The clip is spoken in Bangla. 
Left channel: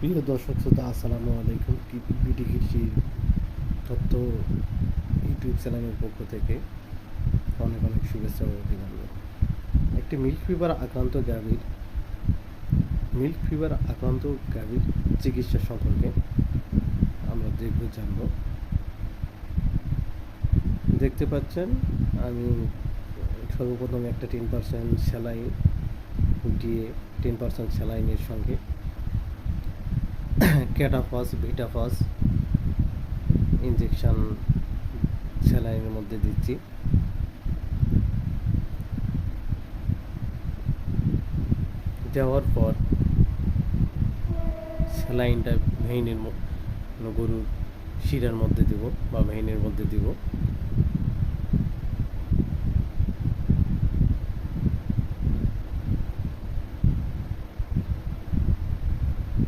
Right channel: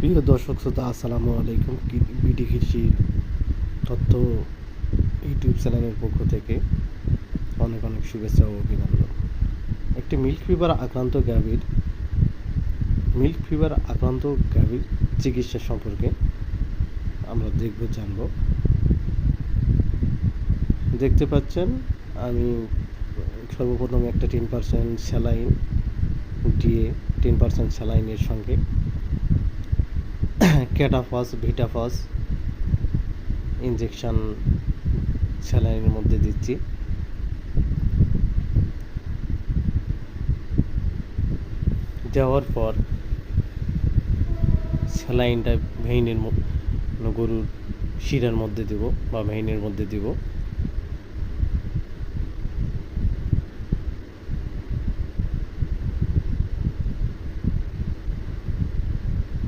প্রিয় দর্শক শ্রোতা, আসসালামু আলাইকুম। বিডি কৃষি তথ্য ইউটিউব চ্যানেলের পক্ষ থেকে অনেক অনেক শুভেচ্ছা ও অভিনন্দন। একটি মিল্ক ফিভার আক্রান্ত গাভীর চিকিৎসা সম্পর্কে আমরা জানব। দেখতে পাচ্ছেন, আমি সর্বপ্রথম একটা 10% স্যালাইন দিয়ে 10% স্যালাইনের সঙ্গে ক্যাটাফস ভিটাফস ইনজেকশন স্যালাইনের মধ্যে দিচ্ছি। দেওয়ার পর স্যালাইনটা গরুর শিরার মধ্যে দেব বা ভেইনের মধ্যে দেব।